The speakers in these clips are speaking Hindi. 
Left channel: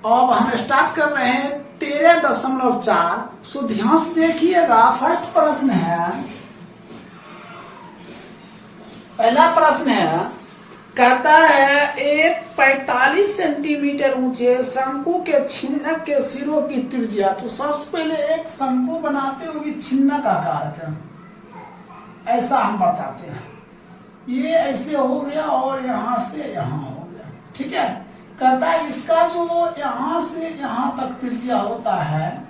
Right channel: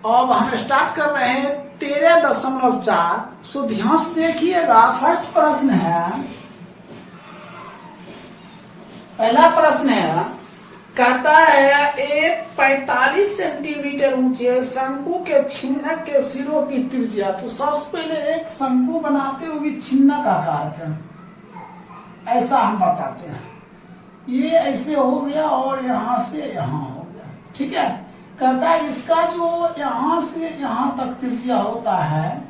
अब हम स्टार्ट कर रहे हैं 13.4। सो ध्यान से देखिएगा। फर्स्ट प्रश्न है, पहला प्रश्न है, कहता है एक 45 सेंटीमीटर ऊंचे शंकु के छिन्नक के सिरों की त्रिज्या। तो सबसे पहले एक शंकु बनाते हुए छिन्नक आकार का ऐसा हम बताते हैं। ये ऐसे हो गया और यहां से यहां हो गया, ठीक है। कहता है इसका जो यहां से यहां तक त्रिज्या होता है,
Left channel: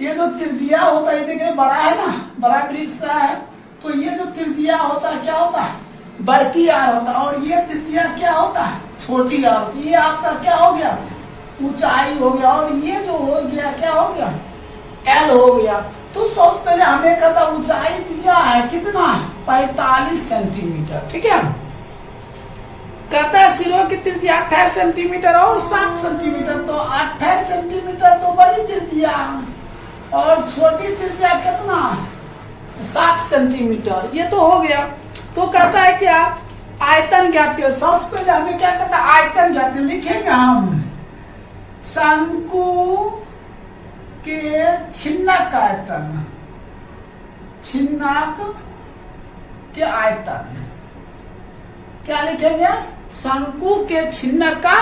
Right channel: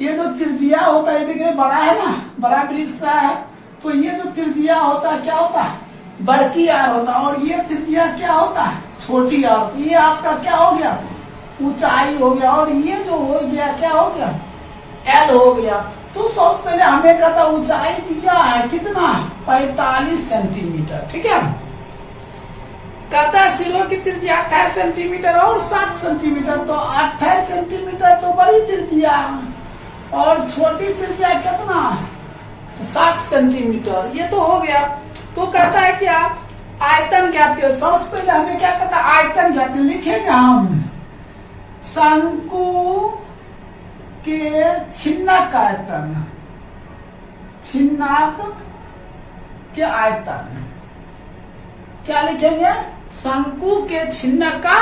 ये जो त्रिज्या होता है, देखिए बड़ा है ना, बड़ा वृत्त है, तो ये जो त्रिज्या होता है क्या होता है, बड़की आर होता है, और ये त्रिज्या क्या होता है, छोटी आर होती है। ये आपका क्या हो गया, ऊंचाई हो गया, और ये जो हो गया क्या हो गया, एल हो गया। तो सबसे पहले हमें कहता ऊंचाई दिया है कितना, 45 सेंटीमीटर, ठीक है। कहता है सिरों की त्रिज्या 28 सेंटीमीटर और 7 सेंटीमीटर। तो 28 सेंटीमीटर तो बड़ी त्रिज्या, और छोटी त्रिज्या कितना, तो 7 सेंटीमीटर। ये तो हो गया। तो कहता है क्या, आयतन ज्ञात करें। सबसे पहले हमें क्या कहता है, आयतन ज्ञात करें। लिखेंगे हम शंकु के छिन्नक का आयतन, छिन्नक के आयतन क्या लिखेंगे, शंकु के छिन्नक का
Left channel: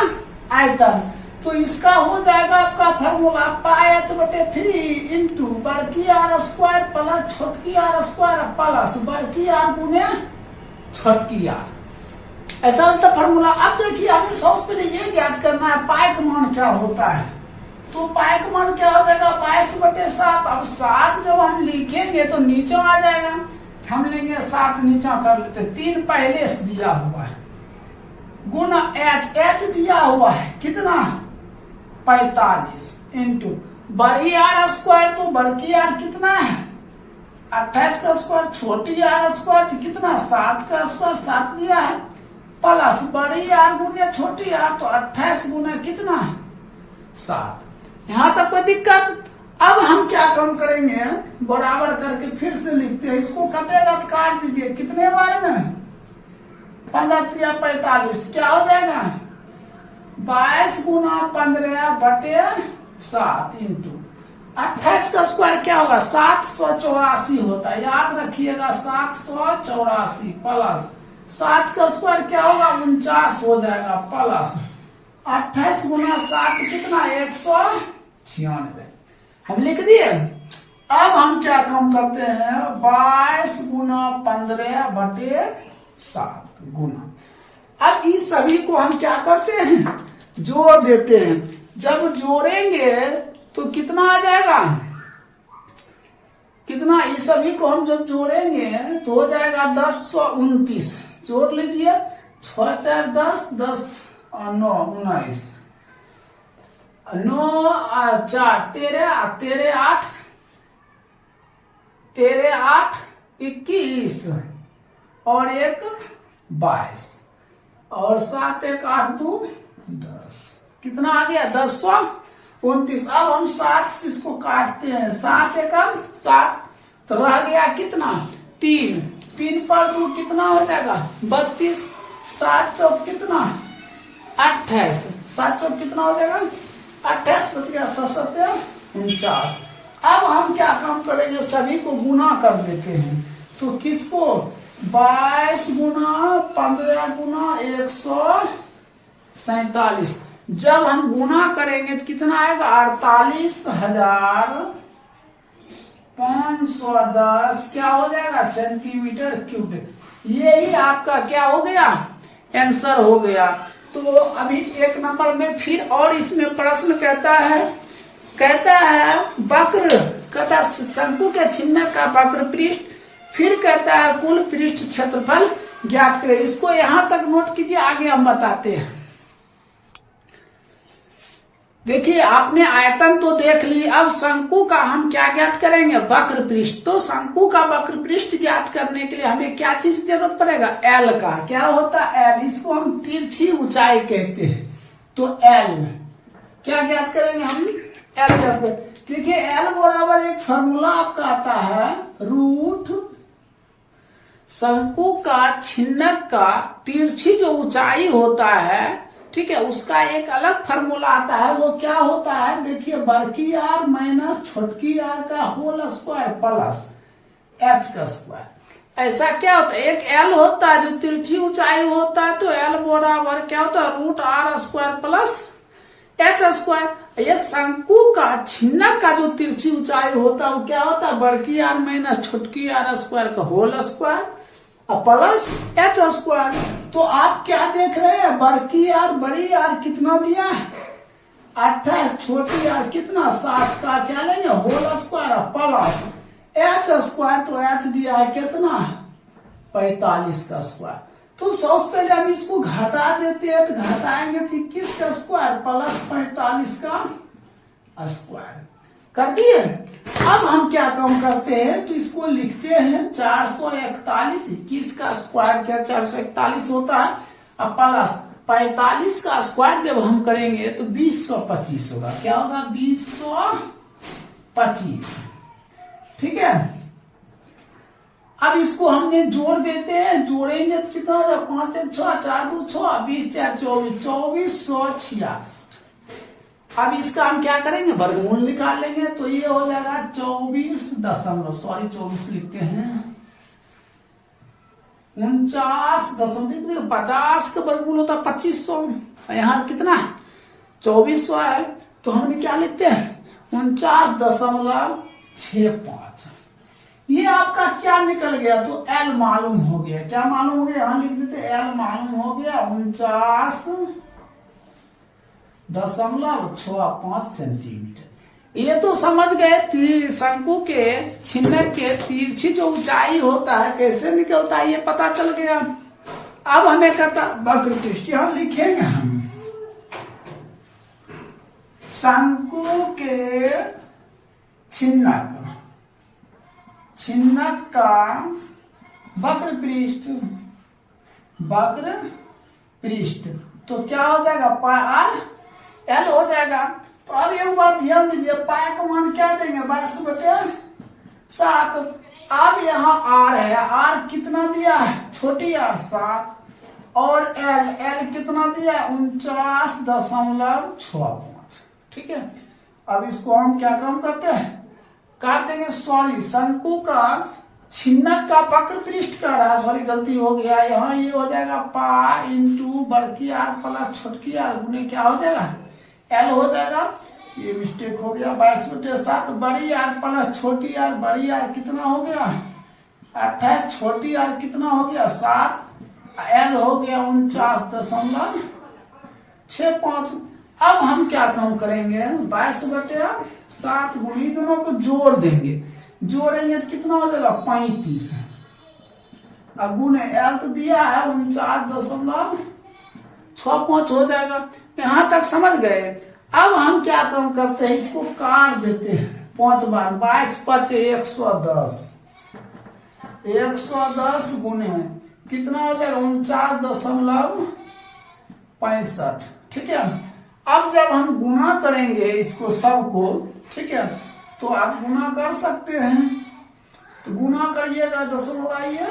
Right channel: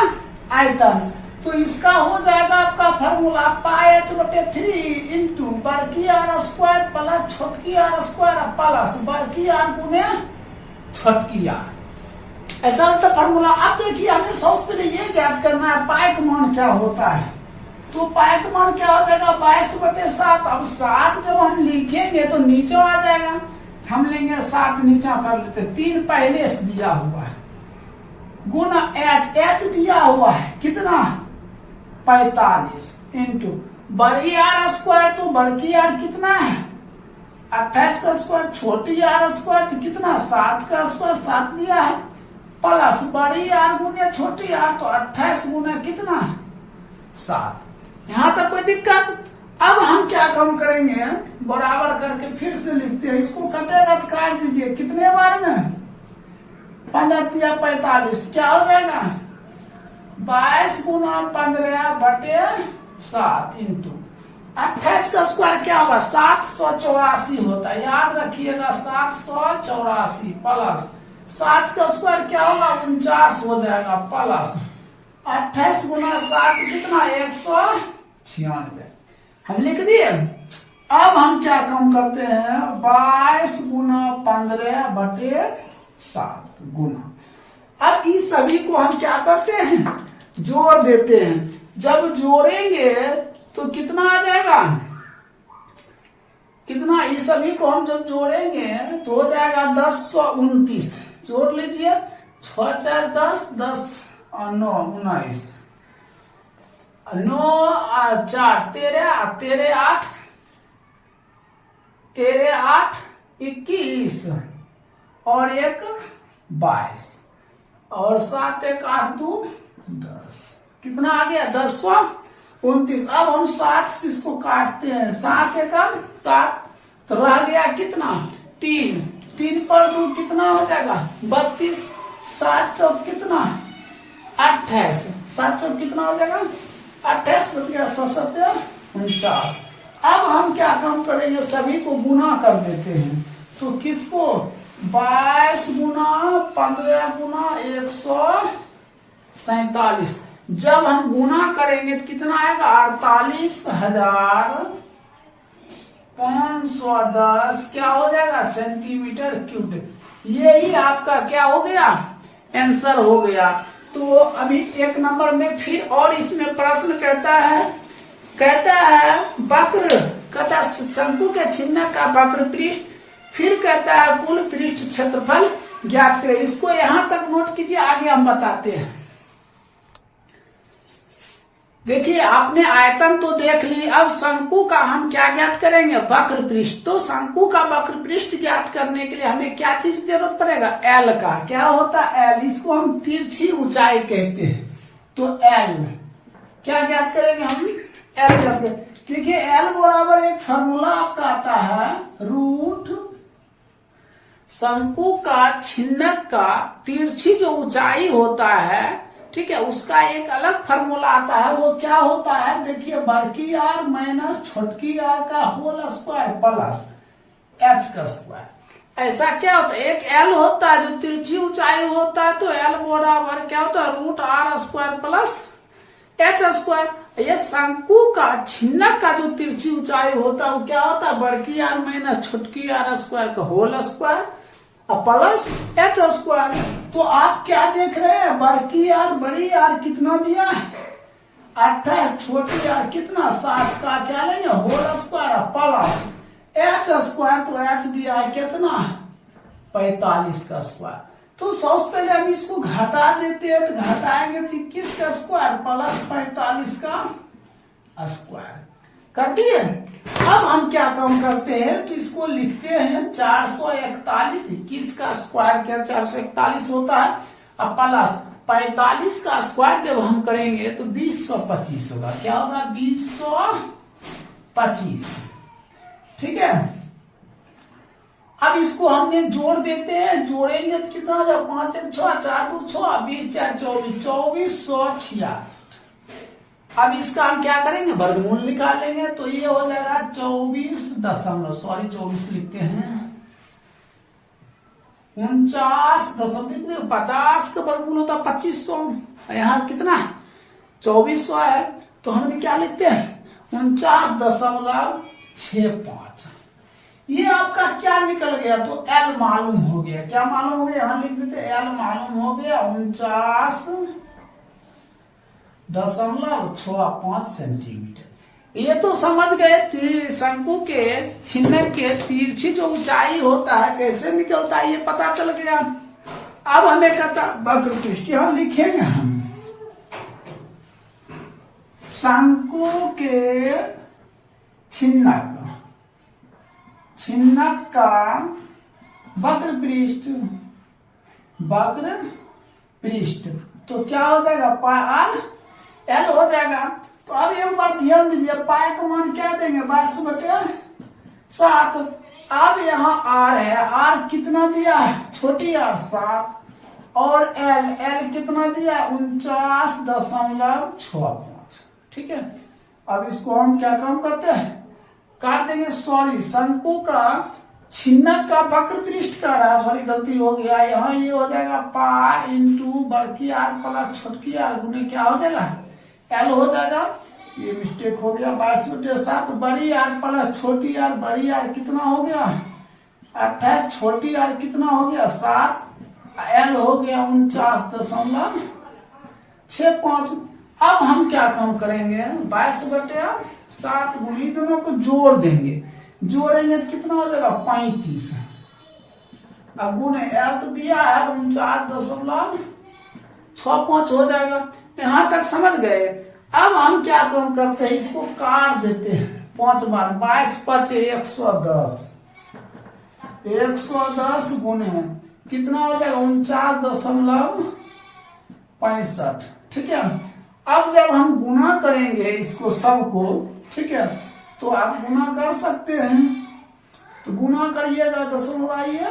आयतन। तो इसका हो जाएगा आपका फॉर्मूला πh/3 इंटू बड़की आर स्क्वायर प्लस छोटकी आर स्क्वायर प्लस बड़की आर गुने छोटकी आर। ऐसा होता फॉर्मूला। अब देखिए हमें सबसे पहले ये ज्ञात करना है पाई का मान क्या होता है। तो पाई का मान क्या हो जाएगा, 22/7। अब 7 जब हम लिखेंगे तो नीचे आ जाएगा, हम लेंगे 7 नीचे कर लेते। 3 पहले से दिया हुआ है, गुना एच दिया हुआ है कितना, 45 इंटू बड़ी आर स्क्वायर। तो बड़की आर कितना है, 28 का स्क्वायर, छोटी आर स्क्वायर कितना, 7 का स्क्वायर 7 दिया है, प्लस बड़ी आर गुने छोटी आर, तो 28 गुने कितना, 7। यहां तक कोई दिक्कत। अब हम क्या कम करेंगे, बराबर करके फिर से लिखते हैं। इसको कटेगा तो काट दीजिए, कितने बार में, 15 × 45 क्या हो जाएगा, 22 गुना 15/7 इंटू 28 का स्क्वायर क्या होगा, 784 होता है। याद रखिएगा 784 प्लस 7 का स्क्वायर क्या होगा, 49 हो जाएगा, प्लस 28 गुना 7 कितना, 196 हम लिख दिए। अब हम क्या कम करते हैं, 22 गुना 15/7 गुना। अब इस सभी को हम क्या करते हैं, जोड़ देते हैं। जब जोड़ेंगे तो कितना आ जाएगा, कितना, इस सभी को हम जब जोड़ेंगे तो हो जाएगा 1029। जोड़ लीजिए, 6 4 10, 10 9 19, 9 4 13, 13 8, 13 8 21 और 1 22 और 7 1 8 2 10। कितना आ गया, 1029। अब हम 7 से इसको काटते हैं, 7 1 7, तो रह गया कितना, 3 3 पर 2 कितना हो जाएगा, 32, 7 चौक कितना, 28, 7 चौक कितना हो जाएगा, 28 बच गया, 7 49। अब हम क्या काम करेंगे, सभी को गुना कर देते हैं। तो किसको, 22 गुना 15 गुना 147। जब हम गुना करेंगे तो कितना आएगा, 48,510 क्या हो जाएगा, सेंटीमीटर क्यूब। यही आपका क्या हो गया, आंसर हो गया। तो अभी 1 नंबर में फिर और इसमें प्रश्न कहता है वक्र, कहता शंकु के छिन्नक का वक्र पृष्ठ, फिर कहता है कुल पृष्ठ क्षेत्रफल ज्ञात करें। इसको यहां तक नोट कीजिए, आगे हम बताते हैं। देखिए आपने आयतन तो देख ली, अब शंकु का हम क्या ज्ञात करेंगे, वक्र पृष्ठ। तो शंकु का वक्र पृष्ठ ज्ञात करने के लिए हमें क्या चीज की जरूरत पड़ेगा, एल का। क्या होता है एल, इसको हम तिरछी ऊंचाई कहते हैं। तो एल क्या ज्ञात करेंगे हम, एल ज्ञात करेंगे। देखिए एल बराबर एक फॉर्मूला आपका आता है, रूट शंकु का छिन्नक का तिरछी जो ऊंचाई होता है ठीक है, उसका एक अलग फार्मूला आता है। वो क्या होता है, देखिए, बड़की आर माइनस छोटकी आर का होल स्क्वायर प्लस एच का स्क्वायर। ऐसा क्या होता है, एक एल होता है जो तिरछी ऊंचाई होता है, तो एल बराबर क्या होता है, root R square plus H square. ये शंकु का छिन्नक का जो तिरछी ऊंचाई होता है वो क्या होता है, बड़की आर माइनस छोटकी आर स्क्वायर का whole square plus H square. तो आप क्या देख रहे हैं, बड़की आर बड़ी आर कितना दिया है 28, छोटी आर कितना 7 का क्या लेंगे whole square plus H square. तो एच दिया है कितना 45 का स्क्वायर। तो सबसे पहले हम इसको घटा देते हैं, तो घटाएंगे तो 21 का स्क्वायर प्लस 45 का स्क्वायर कर दिए। अब हम क्या काम करते हैं, तो इसको लिखते हैं 441, 21 का स्क्वायर क्या 441 होता है, अब प्लस 45 का स्क्वायर जब हम करेंगे तो 2025 होगा। क्या होगा 2025, ठीक है। अब इसको हमने जोड़ देते हैं, जोड़ेंगे तो कितना हो जाएगा 5 1 6 4 2 6 20 4 24 2466। अब इसका हम क्या करेंगे, वर्गमूल निकाल लेंगे। तो ये हो जाएगा 24 लिखते हैं 49.50 का वर्गमूल होता है 2500। यहाँ कितना 2400 है, तो हमने क्या लिखते हैं 49.65। ये आपका क्या निकल गया, तो एल मालूम हो गया। क्या मालूम हो गया, यहाँ लिख देते एल मालूम हो गया 49.65 सेंटीमीटर। ये तो समझ गए शंकु के छिन्नक के तिरछी जो ऊंचाई होता है कैसे निकलता है, ये पता चल गया। अब हमें कहता वक्र पृष्ठ यहाँ लिखेंगे हम, शंकु के छिन्नक का वक्र पृष्ठ तो क्या हो जाएगा पाई आर एल हो जाएगा। तो अब एक बात ध्यान दीजिए, पाई का मान क्या देंगे 22/7। अब यहाँ आर है, आर कितना दिया है छोटी आर 7, और एल कितना दिया है 49.65, ठीक है। अब इसको हम क्या काम करते हैं, काट देंगे। सॉरी, शंकु का छिन्नक का वक्र पृष्ठ का रहा, सॉरी गलती हो गया। यहाँ ये हो जाएगा पाई इंटू बड़की आर प्लस छोटकी आर गुने क्या हो जाएगा एल हो जाएगा। ये मिस्टेक हो गया 22/7। बड़ी आर प्लस छोटी आर, बड़ी आर कितना हो गया 28, छोटी आर कितना हो गया 7, एल हो गया 49.65। अब हम क्या काम करेंगे 22/7 गुणी दोनों को जोड़ देंगे, जोड़ेंगे तो कितना हो जाएगा 35। अब गुणे एल तो दिया है 49.65 हो जाएगा। यहां तक समझ गए। अब हम क्या काम करते हैं, इसको काट देते हैं 5 बार। 22 5 110 गुणे कितना हो जाएगा 49.65, ठीक है। अब जब हम गुना करेंगे इसको सबको, ठीक है, तो आप गुना कर सकते हैं। तो गुना करिएगा 10 लगाइए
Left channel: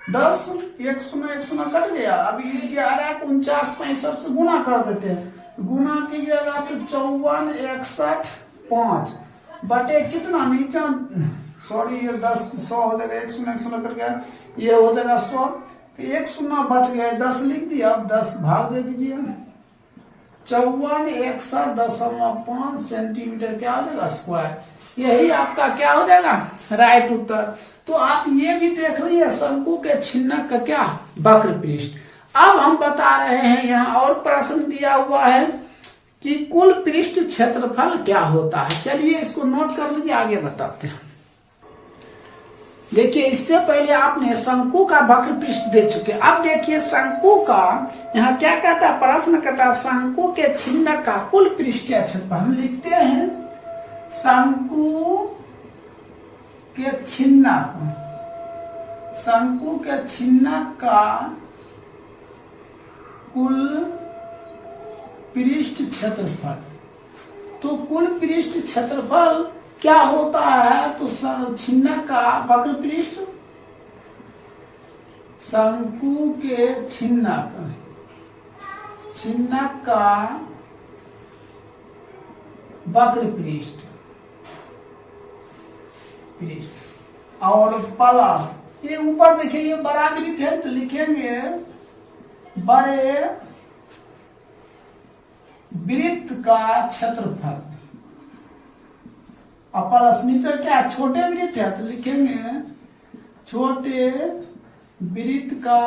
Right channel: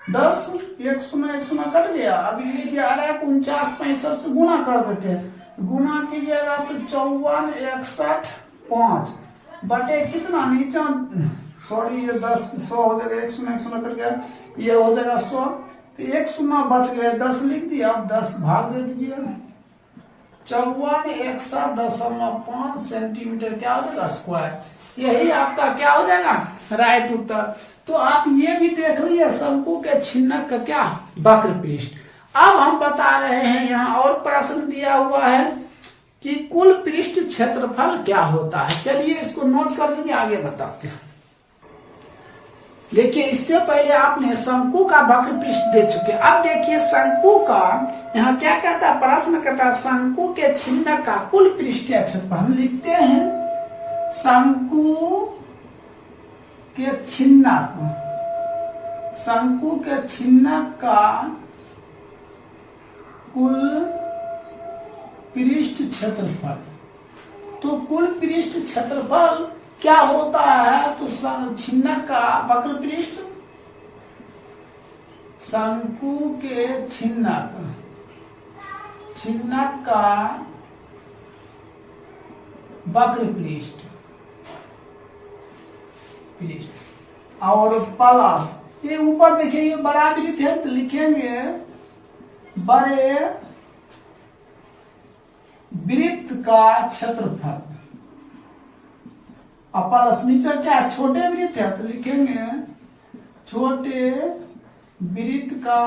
10, 1 0 कट गया। अभी 11 को 49.65 से गुना कर देते हैं। गुना कीजिएगा तो 54 बटे कितना नीचे, सॉरी ये 10 100 हो जाएगा, 1 0 कट गया, ये हो जाएगा 100। तो 1 0 बच गया, 10 लिख दिया। अब 10 भाग दे दीजिए, 54.61.5 सेंटीमीटर क्या हो जाएगा स्क्वायर। यही आपका क्या हो जाएगा राइट उत्तर। तो आप ये भी देख लीजिए शंकु के छिन्नक का क्या वक्र पृष्ठ। अब हम बता रहे हैं, यहाँ और प्रश्न दिया हुआ है कि कुल पृष्ठ क्षेत्रफल क्या होता है। चलिए इसको नोट कर लीजिए, आगे बताते हैं। देखिए, इससे पहले आपने शंकु का वक्र पृष्ठ दे चुके। अब देखिए शंकु का यहाँ क्या कहता है, प्रश्न कहता है शंकु के छिन्नक का कुल पृष्ठीय क्षेत्रफल। हम लिखते हैं शंकु के छिन्नक का कुल पृष्ठ क्षेत्रफल। तो कुल पृष्ठ क्षेत्रफल क्या होता है, तो छिन्नक का वक्र पृष्ठ शंकु के छिन्नक छिन्नक का वक्र पृष्ठ और प्लस ये ऊपर देखिए ये बड़ा वृत्त है तो लिखेंगे बड़े वृत्त का क्षेत्रफल और प्लस नीचे क्या छोटे वृत्त है तो लिखेंगे छोटे वृत्त का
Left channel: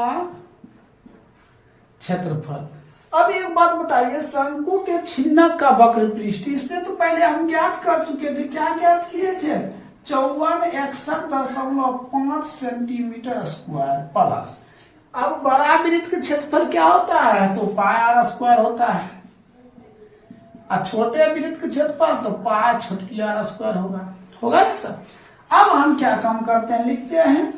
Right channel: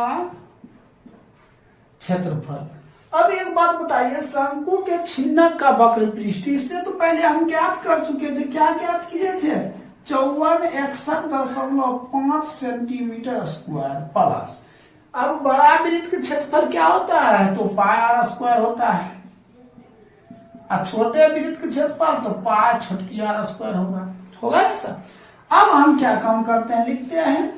क्षेत्रफल। अब एक बात बताइए, शंकु के छिन्नक का वक्र पृष्ठ, इससे तो पहले हम ज्ञात कर चुके थे। क्या ज्ञात किए थे? 5461.5 सेंटीमीटर स्क्वायर प्लस। अब बड़ा वृत्त का क्षेत्रफल क्या होता है? तो पाई आर स्क्वायर होता है, और छोटे वृत्त का क्षेत्रफल तो पाई छोटी आर स्क्वायर होगा ना सर। अब हम क्या काम करते हैं, लिखते हैं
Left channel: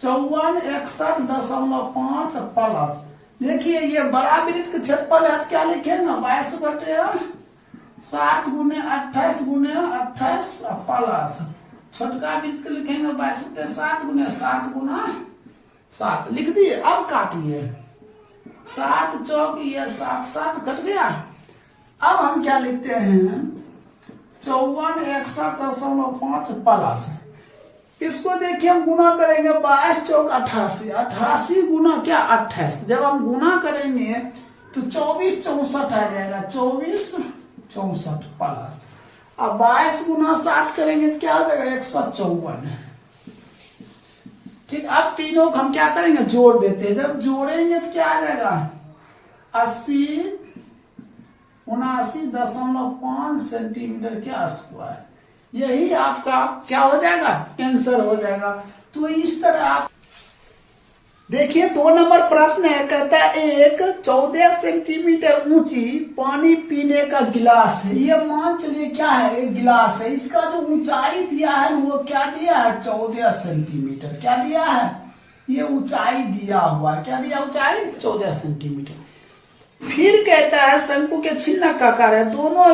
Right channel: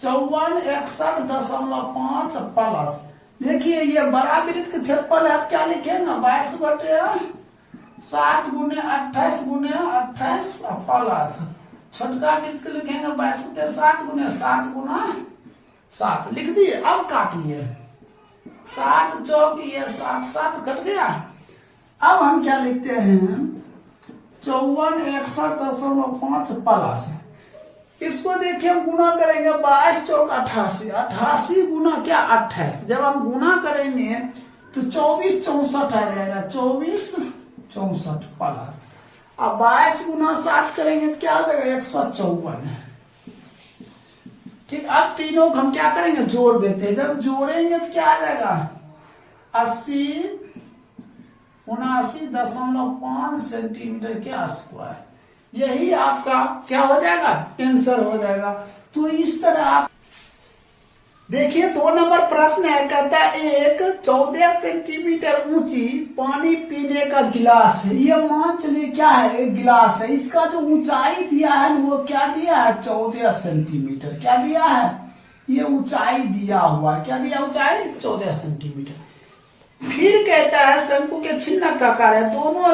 5461.5 प्लस। देखिए ये बड़ा वृत्त का क्षेत्रफल है, क्या लिखेंगे 22/7 गुने 28 गुने 28 प्लस छोटका वृत्त को लिखेंगे 22/7 गुने 7 गुना 7 लिख दिए। अब काटिए 7 चौक ये 7 7 कट गया। अब हम क्या लिखते हैं 5461.5 प्लस। इसको देखिए हम गुना करेंगे 22 चौक 88, 88 गुना क्या 28। जब हम गुना करेंगे तो 24 64 आ जाएगा, 24 64 प्लस। अब 22 गुना 7 करेंगे तो क्या हो जाएगा 154। ठीक, अब तीनों को हम क्या करेंगे जोड़ देते हैं। जब जोड़ेंगे तो क्या आ जाएगा 79.5 सेंटीमीटर के स्क्वायर। यही आपका क्या हो जाएगा आंसर हो जाएगा। तो इस तरह आप देखिए 2 नंबर प्रश्न है, कहता है एक 14 सेंटीमीटर ऊंची पानी पीने का गिलास है। ये मान चलिए क्या है एक गिलास है, इसका जो ऊंचाई दिया है वो क्या दिया है 14 सेंटीमीटर। क्या दिया है ये ऊंचाई दिया हुआ, क्या दिया ऊंचाई 14 सेंटीमीटर। फिर कहता है शंकु के छिन्नक का आकार है, दोनों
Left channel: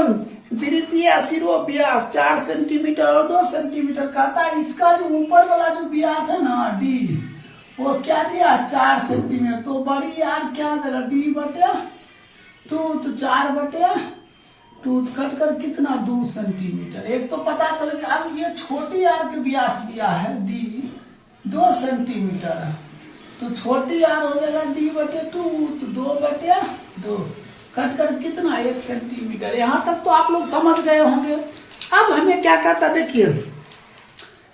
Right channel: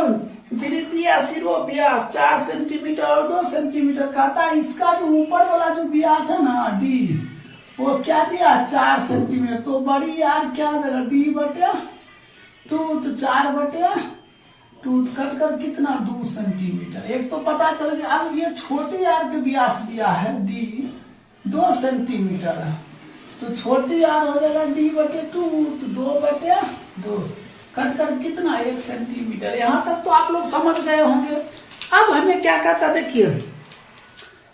द्वितीय सिरों व्यास 4 सेंटीमीटर और 2 सेंटीमीटर। कहता है इसका जो ऊपर वाला जो व्यास है ना डी, वो क्या दिया 4 सेंटीमीटर। तो बड़ी यार क्या हो जाएगा D/2 तो 4/2 कट कर कितना 2 सेंटीमीटर। एक तो पता चल गया। अब ये छोटी आर के व्यास दिया है डी 2 सेंटीमीटर, तो छोटी आर हो जाएगा D/2 तो 2/2 कट कर कितना 1 सेंटीमीटर। यहां तक तो आप लोग समझ गए होंगे। अब हमें क्या कहता देखिए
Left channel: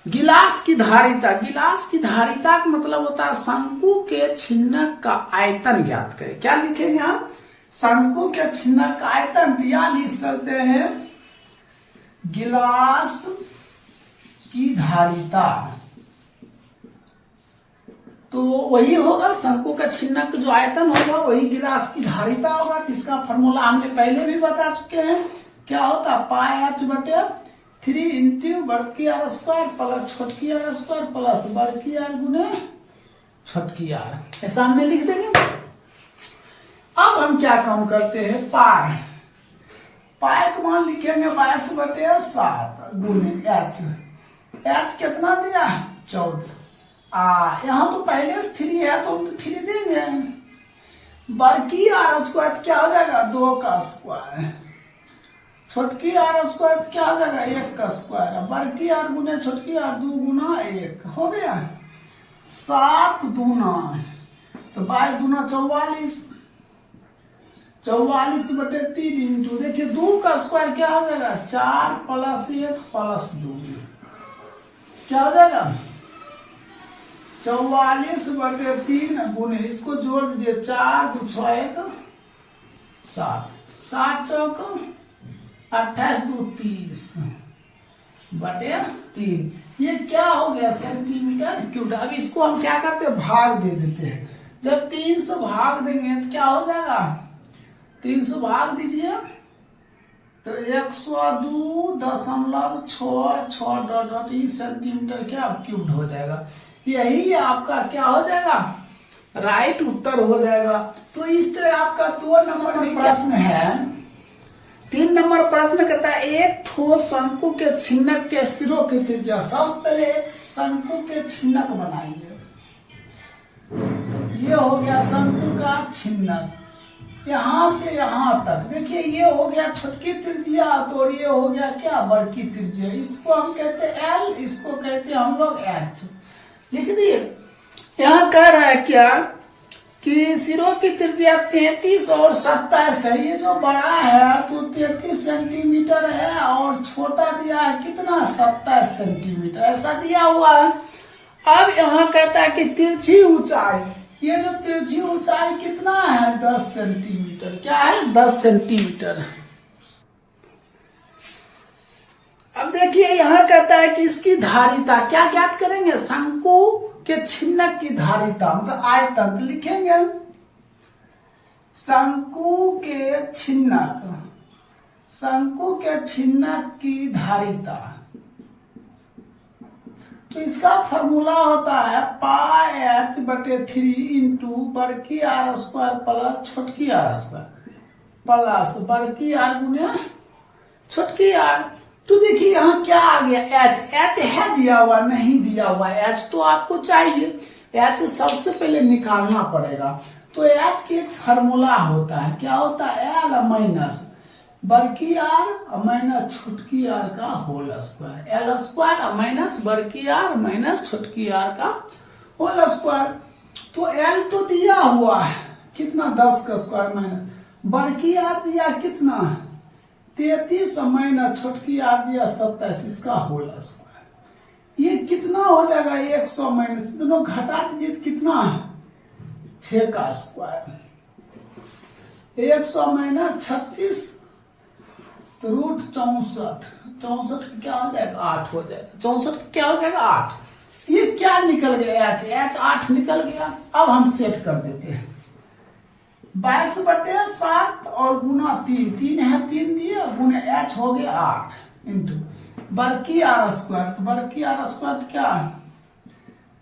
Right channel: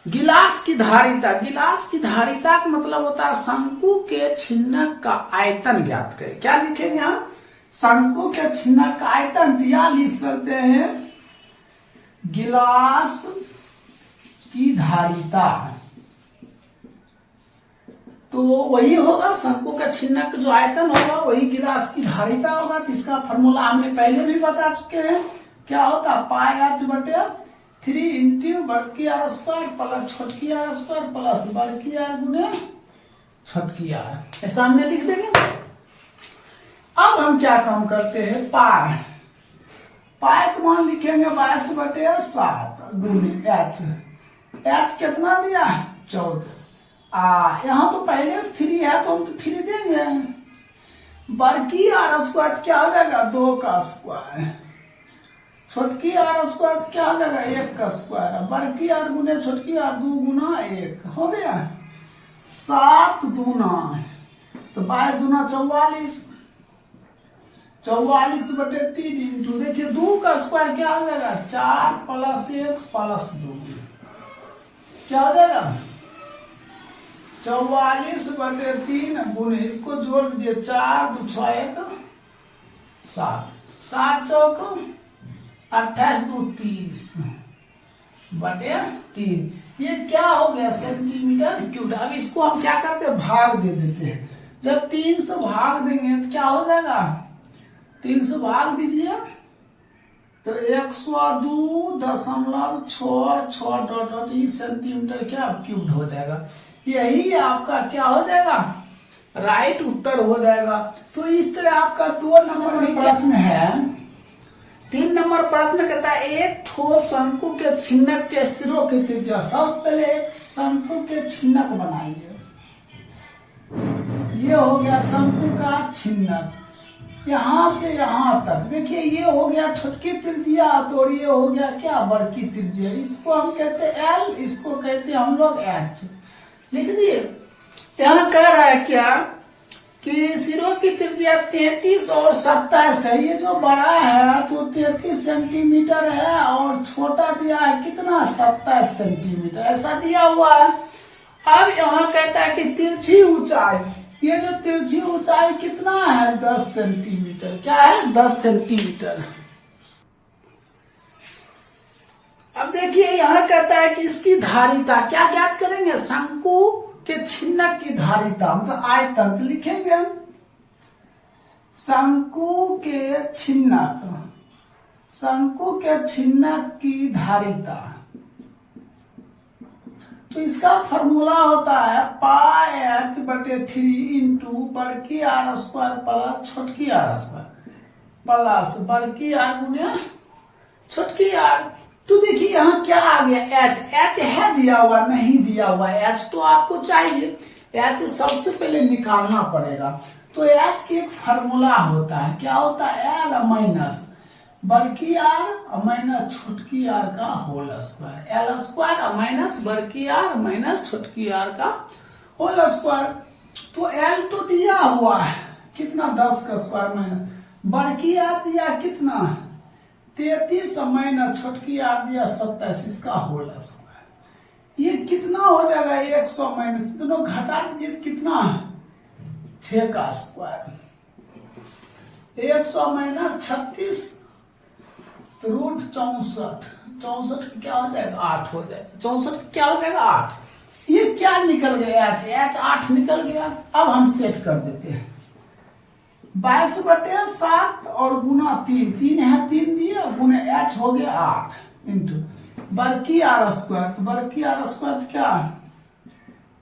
गिलास की धारिता। गिलास की धारिता का मतलब होता है शंकु के छिन्नक का आयतन ज्ञात करें। क्या लिखेंगे हम शंकु के छिन्नक का आयतन, या लिख सकते हैं गिलास की धारिता। तो वही होगा शंकु का छिन्नक जो आयतन होगा वही गिलास की धारिता होगा। इसका फॉर्मूला हमने पहले भी बता चुके हैं। क्या होता πh/3 इंटू बड़की आर स्क्वायर प्लस छोटकी आर स्क्वायर प्लस बड़की आर गुने छोटकी आर। ये सामने लिख देंगे। अब हम क्या काम करते हैं पाई का मान लिखेंगे 22/7 गुने h कितना दिया 14। यहाँ तो पहले 3 है तो हम तो 3 देंगे। बड़की आर स्क्वायर क्या हो जाएगा 2 का स्क्वायर, छोटकी आर स्क्वायर क्या हो जाएगा 1 का स्क्वायर। बड़की आर गुने छोटकी आर 2 गुना 1 हो गया 7 दूना तो 22 दूना 44, 44/3 इंटू देखिए 2 का स्क्वायर क्या हो जाएगा 4 + 1 + 2 क्या हो जाएगा 44/3 गुने इसको जोड़ दीजिए 4 2 6 1 7 7 चौक 28 2 30/3। ये क्या हो गया सेंटीमीटर क्यूब। अब इसको हम क्या करते हैं भाग दे देते हैं। जब 3 से भाग देंगे तो क्या हो जाएगा 3 से भाग दीजिए तो 102.66 सेंटीमीटर क्या क्यूब हो जाएगा। यही आपका क्या हो जाएगा राइट उत्तर हो जाएगा। तो इस तरह आपका 2 नंबर में प्रश्न है। 3 नंबर प्रश्न कहता है एक ठोस शंकु के छिन्नक के सिरों की त्रिज्या। सबसे पहले एक शंकु के छिन्नक बनाइए। ये हो गया शंकु का छिन्नक। यहाँ से यहाँ तक। देखिए ये हो गया छोटकी त्रिज्या और ये हो गया क्या, बड़की त्रिज्या। इसको हम कहते हैं एल, इसको कहते हैं हम लोग एच। लिख दिए। यहाँ कह रहा है क्या कि सिरों की त्रिज्या 33 और 27 है। ये जो बड़ा है तो 33 सेंटीमीटर है और छोटा दिया है कितना, 27 सेंटीमीटर, ऐसा दिया हुआ है। अब यहाँ कहता है कि तिरछी ऊंचाई, ये जो तिरछी ऊंचाई कितना है, 10 सेंटीमीटर। क्या है, 10 सेंटीमीटर। अब देखिए यहाँ कहता है कि इसकी धारिता क्या ज्ञात करेंगे, शंकु के छिन्नक की धारिता, मतलब आयतन। तो लिखेंगे हम शंकु के छिन्नक, शंकु के छिन्नक की धारिता। तो इसका फॉर्मूला होता है पाई एच बटे 3 इंटू बड़की आर स्क्वायर प्लस छोटकी आर स्क्वायर प्लस बड़की आर गुने छोटकी आर। तो देखिए यहाँ क्या आ गया, एच। एच है दिया हुआ, नहीं दिया हुआ एच तो आपको चाहिए। एच सबसे पहले निकालना पड़ेगा। तो एच के फॉर्मूला होता है, क्या होता है, एल माइनस बड़की आर माइनस छोटकी आर का whole square. L square minus बड़की आर माइनस छोटकी आर का होल स्क्वायर। तो एल तो दिया हुआ है कितना, 10 का स्क्वायर माइनस बड़की आर दिया कितना, 33 माइनस छोटकी आर दिया 27, इसका होल स्क्वायर। ये कितना हो जाएगा, 100 माइनस, दोनों घटा दीजिए कितना है, 6 का स्क्वायर। 100 माइनस 36 तो रूट 64, 64 क्या हो जाएगा, 8 हो जाएगा। 64 क्या हो जाएगा, 8। ये क्या निकल गया, एच, एच 8 निकल गया। अब हम सेट कर देते हैं 22 बटे 7 और गुना 3, 3 है 3 दिए, गुना एच हो गया 8 इंटू बड़की आर स्क्वायर। तो बड़की आर स्क्वायर क्या,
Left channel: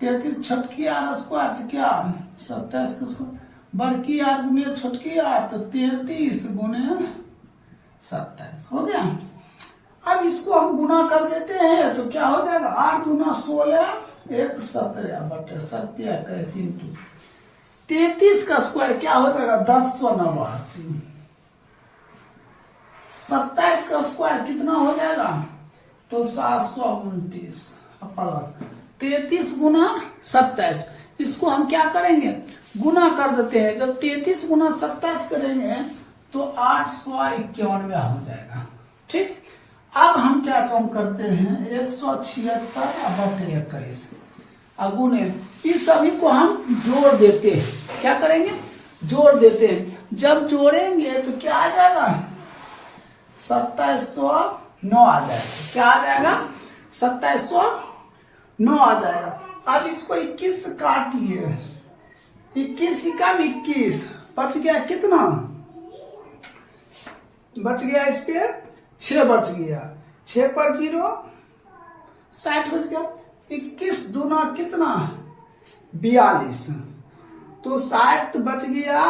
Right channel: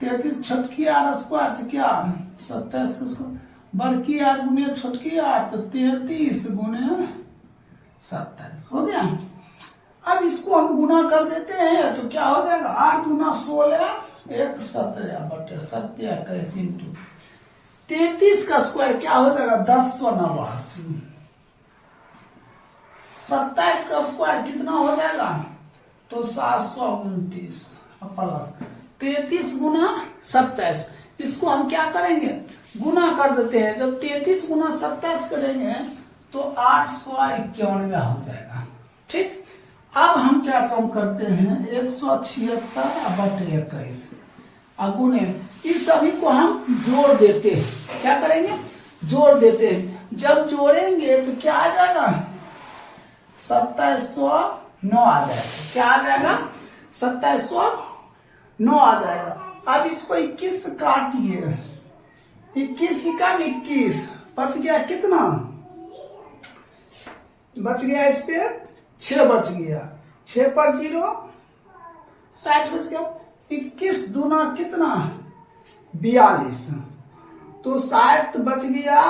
33 छोटकी आर स्क्वायर तो क्या 27 का स्क्वायर, बड़की आर गुने छोटकी आर तो 33 गुने 27 हो गया। अब इसको हम गुना कर देते हैं तो क्या हो जाएगा, 8 गुना 16 1 17 बटे 27 इंटू 33 का स्क्वायर क्या हो जाएगा, 1089। 27 का स्क्वायर कितना हो जाएगा, तो 729 प्लस 33 गुना 27। इसको हम क्या करेंगे, गुना कर देते हैं। जब 33 गुना 27 करेंगे तो 891 हो जाएगा। ठीक, अब हम क्या कम करते हैं, 176 बटे 21 अगुने, इस सभी को हम जोड़ देते हैं। क्या करेंगे, जोड़ देते हैं। जब जोड़ेंगे तो क्या आ जाएगा, 2709 आ जाएगा। क्या आ जाएगा, 2709 आ जाएगा। अब इसको 21 से काटिए, 21 कम 21 बच गया कितना, बच गया इस पे 6 बच गया, 6 पर 0 60 बच गया। 21 दूना कितना, 42 तो 60 बच गया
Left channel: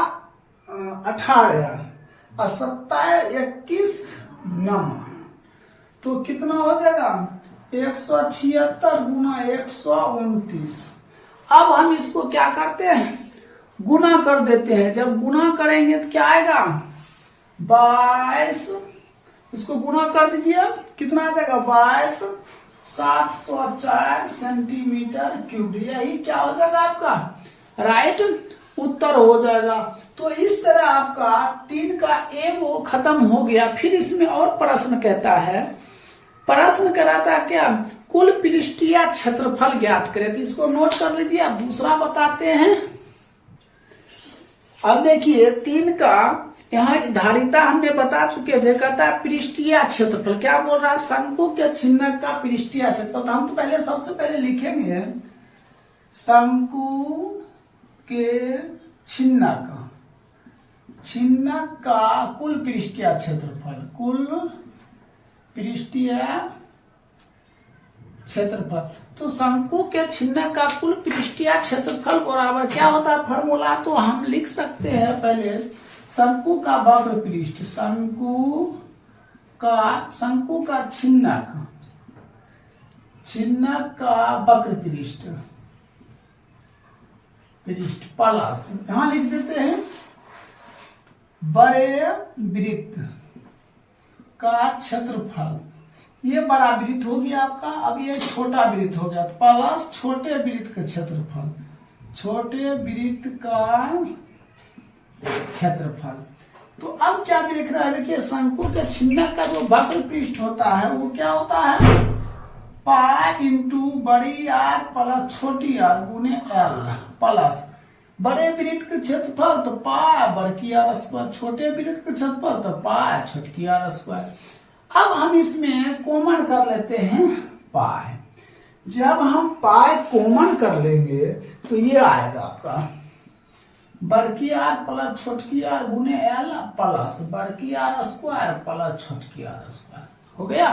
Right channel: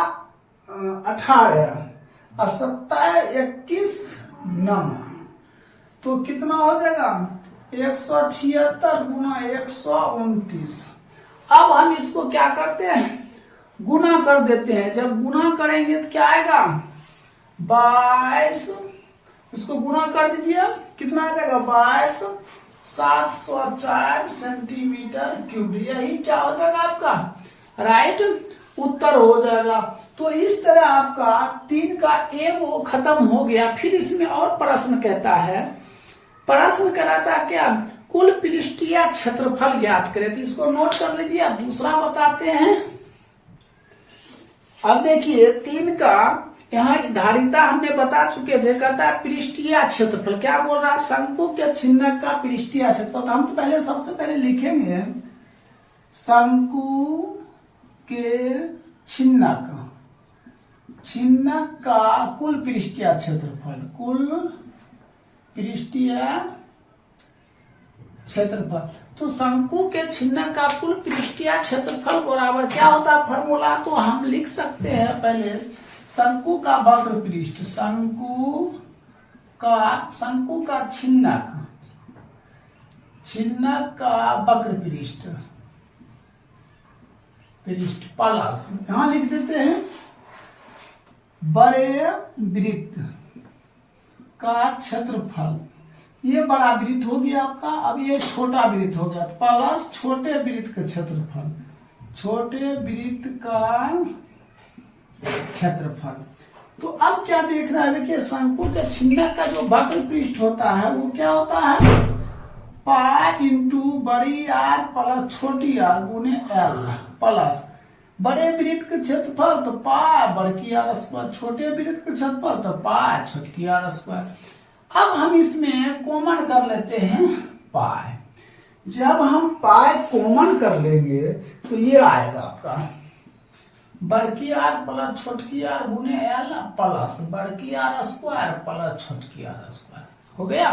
18 और 27 21 9 तो कितना हो जाएगा, 176 गुना 129। अब हम इसको क्या करते हैं, गुना कर देते हैं। जब गुना करेंगे तो क्या आएगा, 22, इसको गुना कर दीजिए कितना आ जाएगा, 22 704 सेंटीमीटर क्यूब। यही क्या हो जाएगा आपका राइट उत्तर हो जाएगा। तो इस तरह आपका 3 का ए वो खत्म हो गया। फिर इसमें और प्रश्न कहता है, प्रश्न कराता है क्या, कुल पृष्ठीय क्षेत्रफल ज्ञात करें। तो इसको नोट कर लीजिए। अब दूसरा बताते हैं। अब देखिए 3 का यहाँ धारिता हमने बता चुके थे, कहता है पृष्ठीय क्षेत्रफल। क्या बोल रहा है, शंकु के छिन्नक का पृष्ठीय क्षेत्रफल। तो हम तो पहले सबसे पहले लिखेंगे शंकु के छिन्नक, छिन्नक का कुल पृष्ठीय क्षेत्रफल, कुल पृष्ठीय क्षेत्रफल। तो शंकु के छिन्नक का कुल पृष्ठीय क्षेत्रफल बराबर क्या होता है, फॉर्मूला तो हम लिख सकते हैं पहले, शंकु का वक्र पृष्ठ, शंकु का छिन्नक, छिन्नक का वक्र पृष्ठ प्लस, यहां लिख देते हैं बड़े वृत्त का क्षेत्रफल, ये बड़ा वृत्त हो गया आपका। अब ये छोटा वृत्त हो गया प्लस छोटे वृत्त का क्षेत्रफल, छोटे वृत्त का क्षेत्रफल। तो अब क्या देख रहा है, देखिए शंकु के छिन्नक का जो वक्र पृष्ठ होता है वो क्या होता है, पाई इंटू बड़ी आर प्लस छोटी आर गुने एल प्लस बड़े वृत्त का क्षेत्रफल तो पाई बड़की आर स्क्वायर, छोटे वृत्त का क्षेत्रफल तो पाई छोटकी आर स्क्वायर। अब हम इसमें कॉमन कर लेते हैं पाई। जब हम पाई कॉमन कर लेंगे तो ये आएगा आपका बड़की आर प्लस छोटकी आर गुने एल प्लस बड़की आर स्क्वायर प्लस छोटकी आर स्क्वायर हो गया।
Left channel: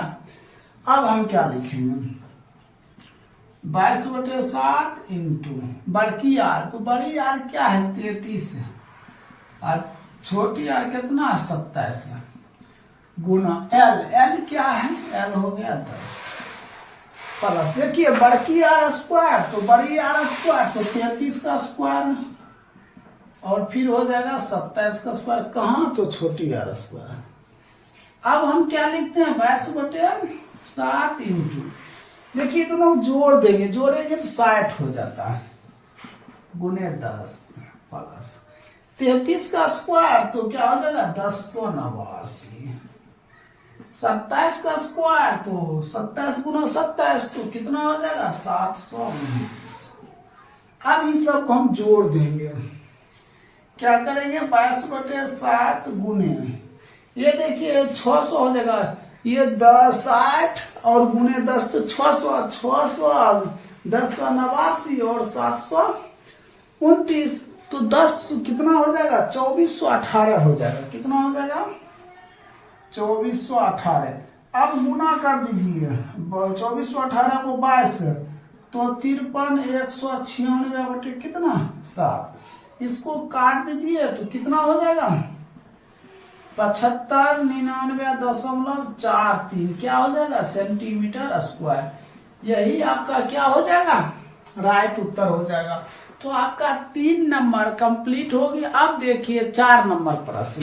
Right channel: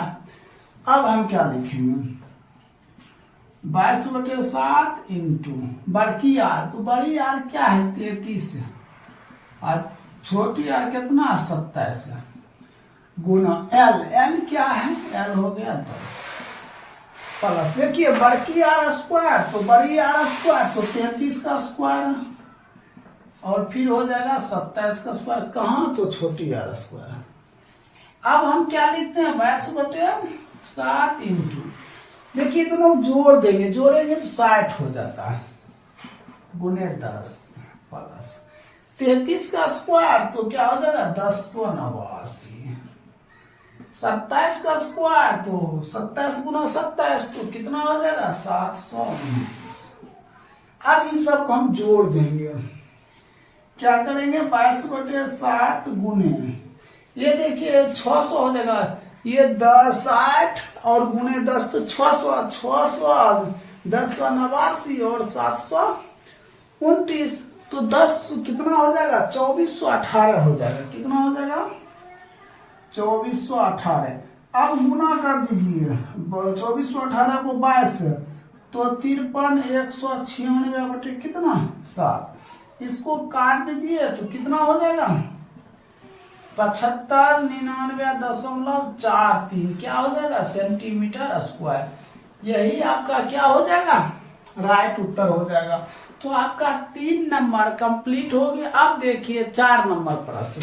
अब हम क्या लिखेंगे, 22/7 इंटू बड़की आर, तो बड़ी आर क्या है 33 है और छोटी आर कितना 27 है गुना एल, एल क्या है, एल हो गया 10 प्लस देखिए बड़की आर स्क्वायर तो बड़ी आर स्क्वायर तो 33 का स्क्वायर और फिर हो जाएगा 27 का स्क्वायर, कहाँ तो छोटी आर स्क्वायर। अब हम क्या लिखते हैं 22/7 इंटू, देखिए दोनों जोड़ देंगे, जोड़ेंगे तो 60 हो जाता है गुने 10 प्लस 33 का स्क्वायर तो क्या हो जाएगा 1089, 27 का स्क्वायर तो 27 गुना 27 तो कितना हो जाएगा 729। अब इन सब को हम जोड़ देंगे, क्या करेंगे 22/7 गुने, ये देखिए 600 हो जाएगा, ये 60 और गुने 10 तो 600, 10 का 89 और 729 तो 10 कितना हो जाएगा 2418 हो जाएगा, कितना हो जाएगा 2418। अब गुना कर दीजिए 2418 को 22 तो 53 196 बटे कितना 7, इसको काट दीजिए तो कितना हो जाएगा 75 99.43 क्या हो जाएगा सेंटीमीटर स्क्वायर। यही आपका क्या हो जाएगा राइट उत्तर हो जाएगा। तो आपका 3 नंबर कंप्लीट हो गया। अब देखिए 4 नंबर प्रश्न,